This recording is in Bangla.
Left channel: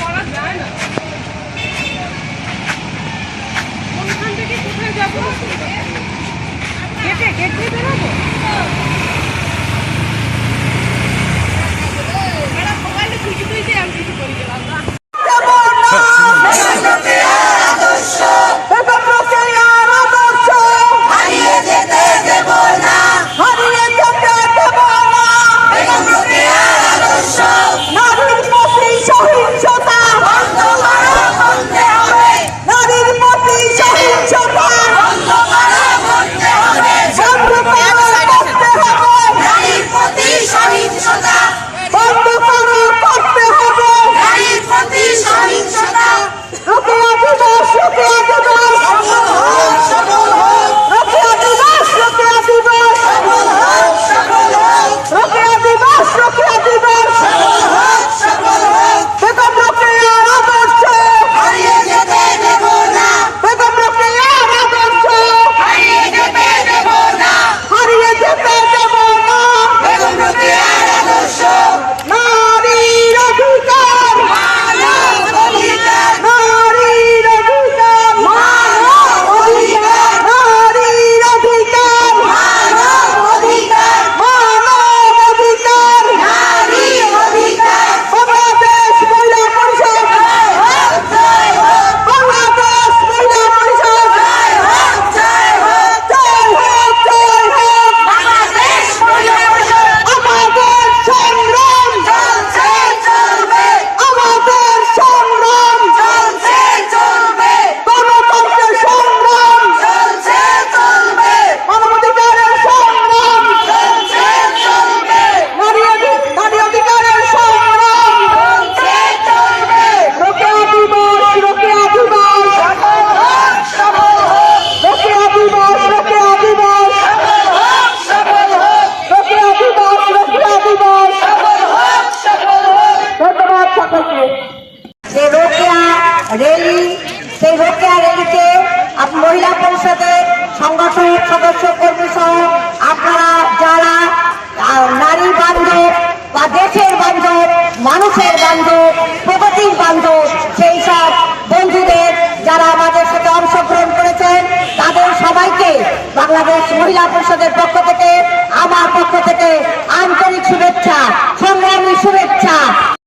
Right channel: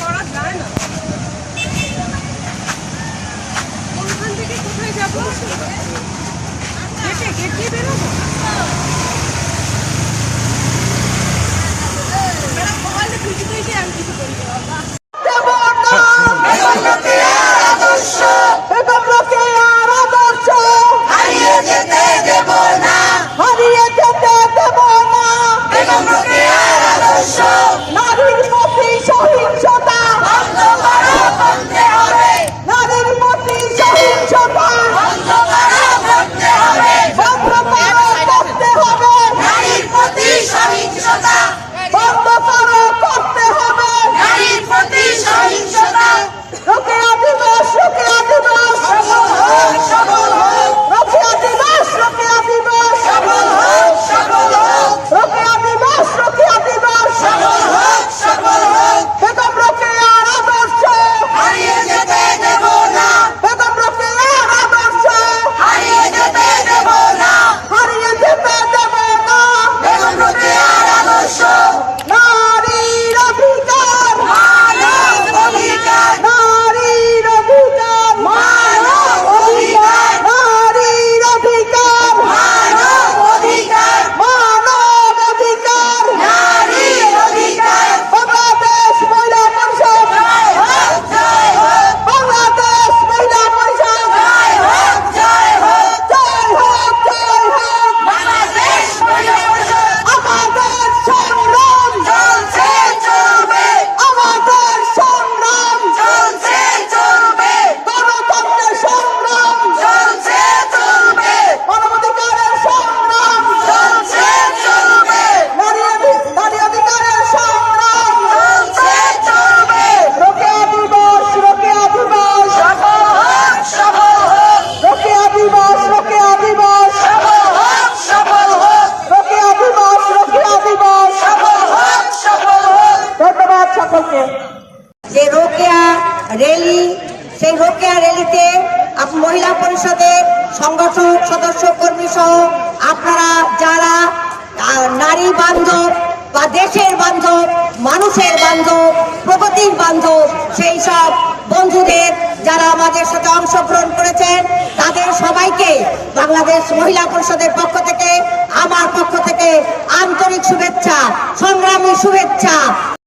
করা যায় না। কোনখান থেকে কোথায় যাবো? গেটে গেট দিয়ে বেরোবো। সেই রোকেয়া র্যালিতে মহিলা পরিষদের সংগঠক সদস্য কর্মী সহ আপনারা যারা নারী বান্ধব বা দেশের বান্ধব, মানুষের বান্ধব, প্রগতির বান্ধব, সেই সব বন্ধুদের যারা আমাদের সাথে অংশগ্রহণ করেছেন তাদের সবাইকে বাংলাদেশ মহিলা পরিষদের পক্ষ থেকে, আমার পক্ষ থেকে আন্তরিক শুভেচ্ছা, সংগ্রামী শুভেচ্ছা।